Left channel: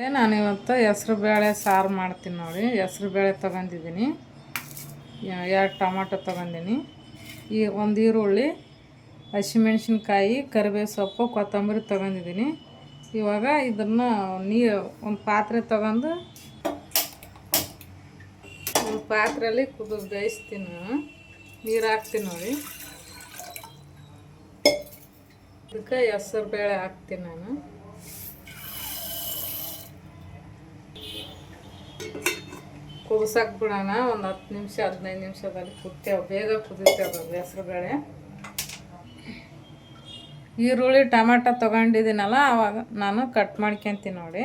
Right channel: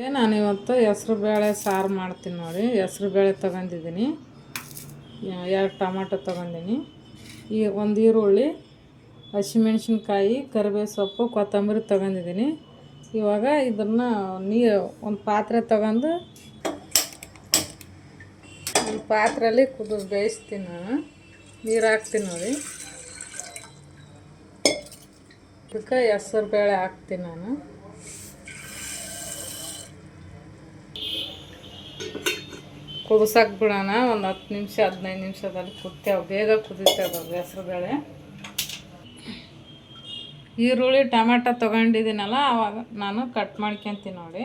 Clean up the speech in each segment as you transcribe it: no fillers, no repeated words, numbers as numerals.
ನಾನು ಇವತ್ತು ಹೆಸ್ರು ಬೇಳೆ ಸಾರು ಮಾಡ್ತೀನಿ ನೋಡಿ. ಹೆಸ್ರು ಬೇಳೆ ತೊಗೊಂಡಿದ್ದೀನಿ, 2 ಟೊಮಾಟೊ ತೊಗೊಂಡಿನಿ, ಒಂದು ಈರುಳ್ಳಿ, ಹಸಿಮೆಣ್ಸಿನ್ಕಾಯಿ, ಕರಿಬೇವು ಸೊಪ್ಪು, ಕೊತ್ತಂಬರಿ ತೊಗೊಂಡಿದ್ದೀನಿ. ಇವಾಗ ಇದನ್ನು ಒಂದು ಪಾತ್ರೆ ತೊಗೊಂಡು ಒಂದು ಪಾತ್ರೆಯಲ್ಲಿ ಬೇಯಿಸ್ತೀನಿ. ನಾನು ನೀರು ಹಾಕ್ತೀನಿ ನೋಡಿ. ಇದಕ್ಕೆ ಹೆಸ್ರು ಬೇಳೆ ಹಾಕ್ತೀನಿ ನಾನು. ಕುದಿಸೋಕೆ ಬಿಡೋಣ. ಒಂದು 10 ನಿಮಿಷ 15 ನಿಮಿಷದಲ್ಲಿ ಕುದಿತೇವೆ, ಬೇಗ ಕುದಿತೇವೆ ಹೆಸ್ರು ಬೇಳೆ. ಈರುಳ್ಳಿ ಟೊಮೆಟೊ ತೊಗೊಂಡಿದ್ದೀನಲ್ಲ, ಆವಾಗ ನಾನು ಕಟ್ ಮಾಡ್ಕೊತೀನಿ ನೋಡಿ.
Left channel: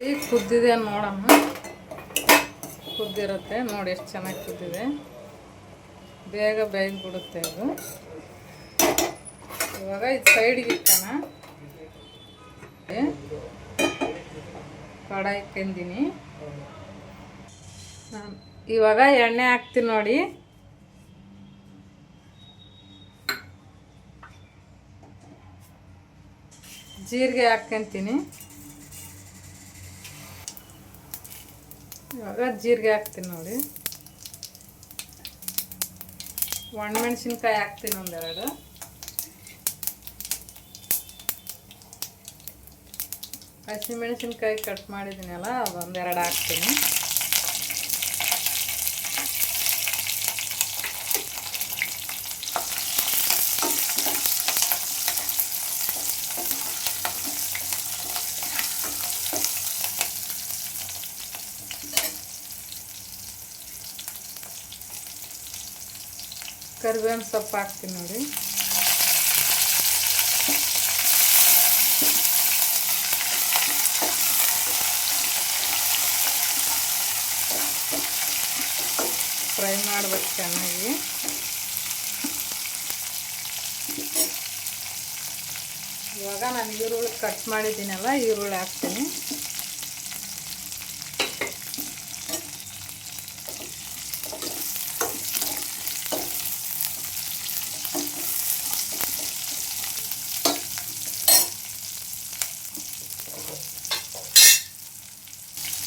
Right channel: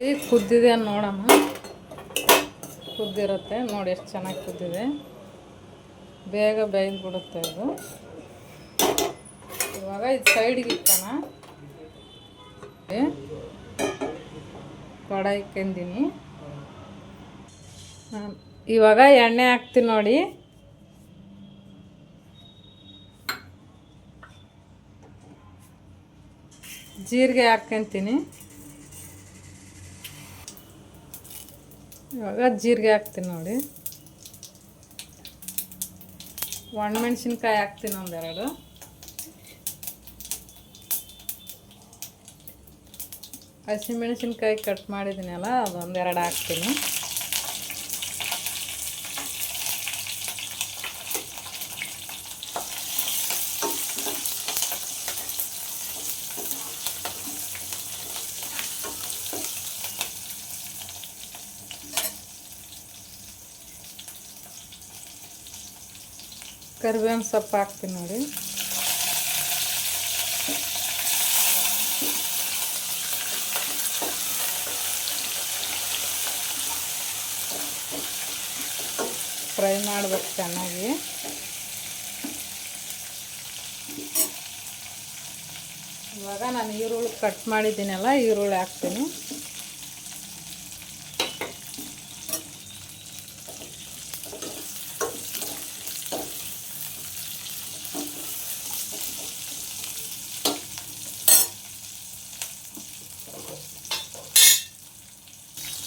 ಈಗ ಕುದ್ದಿದೆ ನೋಡೋಣ. ಕುದ್ದಿರುತ್ತೆ ನೋಡಿ, ಎಷ್ಟು ಚೆನ್ನಾಗಿ ಕುದ್ದಿದೆ. ಬೇಗ ಬೇಯ್ದುಬಿಡುತ್ತೆ ಇದು. ಇವಾಗ ಇದು ಸೈಡಿಗೆ ಇಟ್ಟಣ. ಕಡಾಯಿ ಇಕ್ಕೊಂಡಿನಿ. ಇವಾಗ ಎಣ್ಣೆ ಹಾಕ್ತೀನಿ ನೋಡಿ. ಜೀರಿಗೆ ಹಾಕ್ಕೊಂತೀನಿ. ಇವಾಗ ಜೀರಿಗೆ ಹಾಕ್ತೀನಿ ನೋಡಿ. ಒಣಮೆಣ್ಸಿನ್ಕಾಯಿ ಹಾಕ್ತೀನಿ ಒಂದೆರಡು. ಹಸಿಮೆಣ್ಸಿನ್ಕಾಯಿ ಕಟ್ ಮಾಡಿದ್ದೀನಲ್ಲ, ಅದೊಂದೆರಡು ಹಾಕ್ತೀನಿ. ಕರಿಬೇವಿನ ಸೊಪ್ಪು ಹಾಕ್ತೀನಿ ನೋಡಿ. ಫ್ರೈ ಮಾಡಬೇಕು ಚೆನ್ನಾಗಿ. ಇವಾಗ ನಾನು ಈರುಳ್ಳಿ ಕಟ್ ಮಾಡಿದ್ದೀನಲ್ಲ, ಈರುಳ್ಳಿ ಹಾಕ್ತೀನಿ.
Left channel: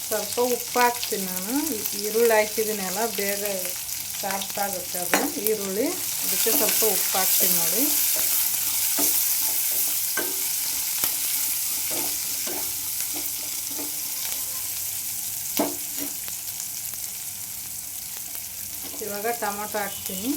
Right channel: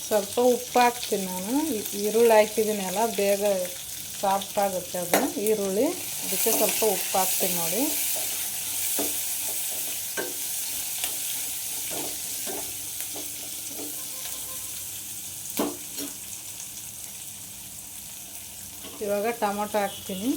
ಸ್ವಲ್ಪ ಉಪ್ಪು ಹಾಕ್ತೀನಿ ನಾನು. ಈರುಳ್ಳಿ ಹಾಕಿದ್ದೀನಲ್ಲ, ಬೇಗ ಸಾಫ್ಟ್ ಆಗುತ್ತೆ ಅದು ಈರುಳ್ಳಿ. ಅದಕ್ಕೆ ಸ್ವಲ್ಪ ಉಪ್ಪು ಹಾಕ್ತೀನಿ ನೋಡಿ. ಇವಾಗ ಟೊಮೊಟೊ ಹಾಕ್ತೀನಿ.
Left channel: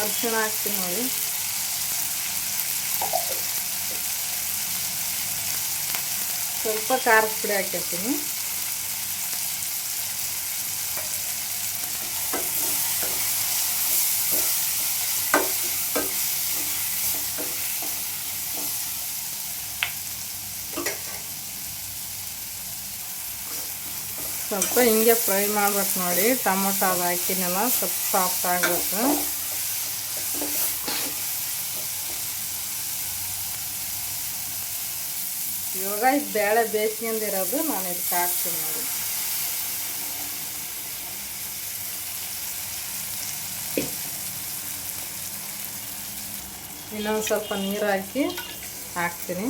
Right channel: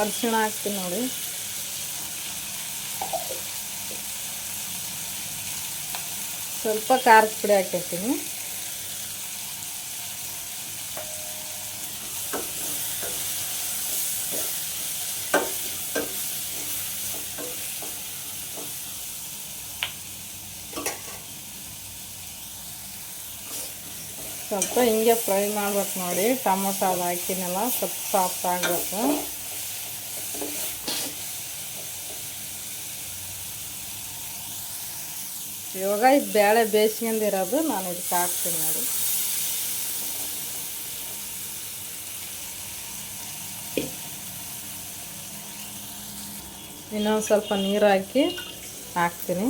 ಅರಿಶಿಣ ಹಾಕ್ತೀನಿ ನೋಡಿ. ಸ್ವಲ್ಪ ಖಾರದ ಪುಡಿ ಹಾಕಿರ್ತೀನಿ. ಸ್ವಲ್ಪ ಹಿಂಗೆ ಫ್ರೈ ಮಾಡ್ಬೇಕು ನೋಡಿ. ಟೊಮೊಟೊ ಅದು ಹಾಕಿನೆಲ್ಲ ಸ್ವಲ್ಪ ಸಾಫ್ಟ್ ಆಗಬೇಕು. ಇವಾಗ ಇದು ಬೇಳೆ ಬೇಯಿಸ್ಕೊಂಡಿರೋದು ನಾನು ಇದಕ್ಕೆ ಹಾಕ್ತೀನಿ ನೋಡಿ. ಇನ್ನೊಂದು ಸ್ವಲ್ಪ ನೀರು ಹಾಕ್ತೀನಿ.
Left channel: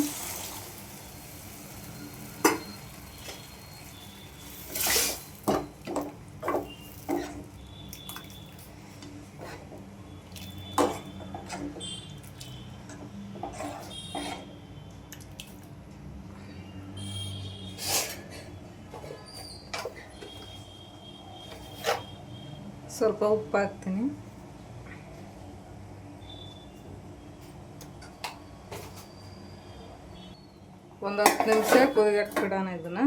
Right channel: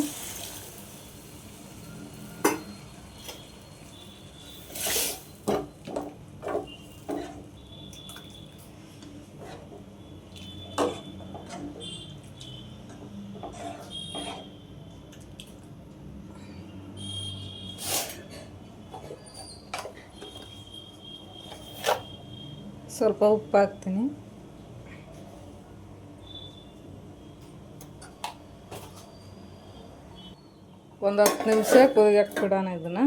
ಸ್ವಲ್ಪ ಉಪ್ಪು ಹಾಕ್ತೀನಿ. ಒಂದು 10 ನಿಮಿಷ ಕುದಿಯಕ್ಕೆ ಬಿಡೋಣ ಇದನ್ನು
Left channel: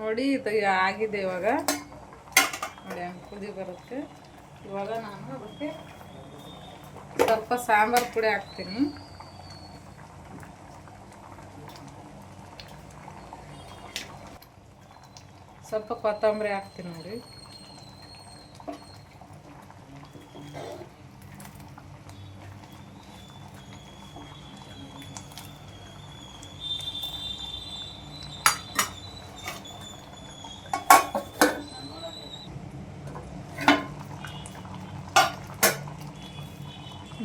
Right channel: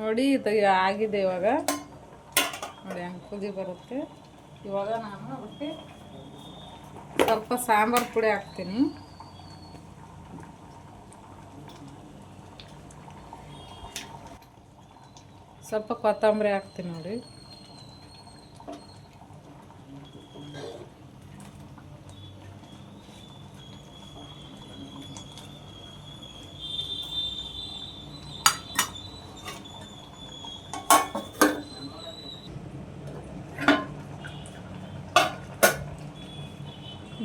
ನೋಡಿ. ಇದು ಆಗಿದೆ. ಇವಾಗ ನೋಡಿ ಹಂಗೆ ಕುದಿ ಬರುತ್ತೆ. ಇವಾಗ ನಾನು ಅದಕ್ಕೆ ಸ್ವಲ್ಪ ಸಾಂಬಾರು ಪುಡಿ ಹಾಕ್ತೀನಿ. ಸ್ವಲ್ಪ ಕೊತ್ತಂಬರಿ ಹಾಕ್ತೀನಿ ನೋಡಿ.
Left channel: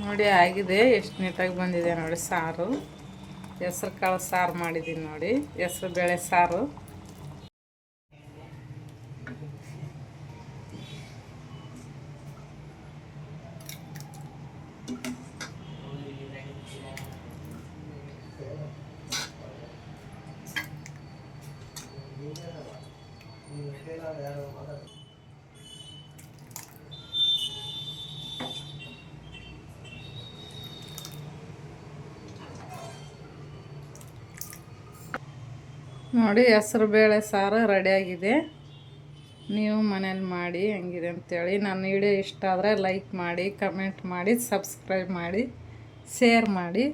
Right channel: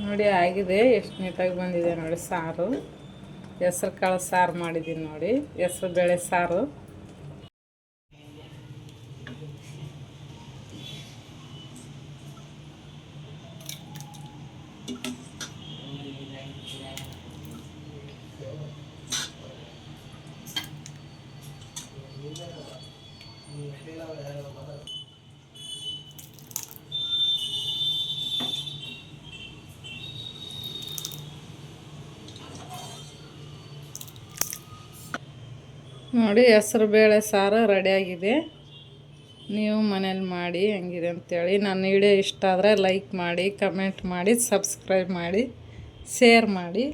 ನೋಡಿ ಆಗಿದೆ, ಎಷ್ಟು ನೀಟಾಗಿ ಬಂದಿದೆ ನೋಡಿ ಸಾರು. ಹೆಸ್ರು ಕಾಳು ಸಾರು ಮಾಡಿದ್ದೀನಿ ನೋಡಿ, ಹೆಸ್ರು ಬೇಳೆ ಸಾರು. ನೋಡಿ ಹೆಸ್ರು ಬೇಳೆ ಸಾರು ರೆಡಿಯಾಗಿದೆ. ನೀವು ಮನೇಲಿ ಮಾಡಿ ಹೆಂಗಿದೆ ಅಂಥೇಳಿ. ನನ್ನ ವಿಡಿಯೋ ಇಷ್ಟ ಆದರೆ ಲೈಕ್ ಮಾಡಿ, ಕಮೆಂಟ್ ಮಾಡಿ, ಸಬ್ಸ್ಕ್ರೈಬ್ ಮಾಡಿ, ಶೇರ್ ಮಾಡಿ.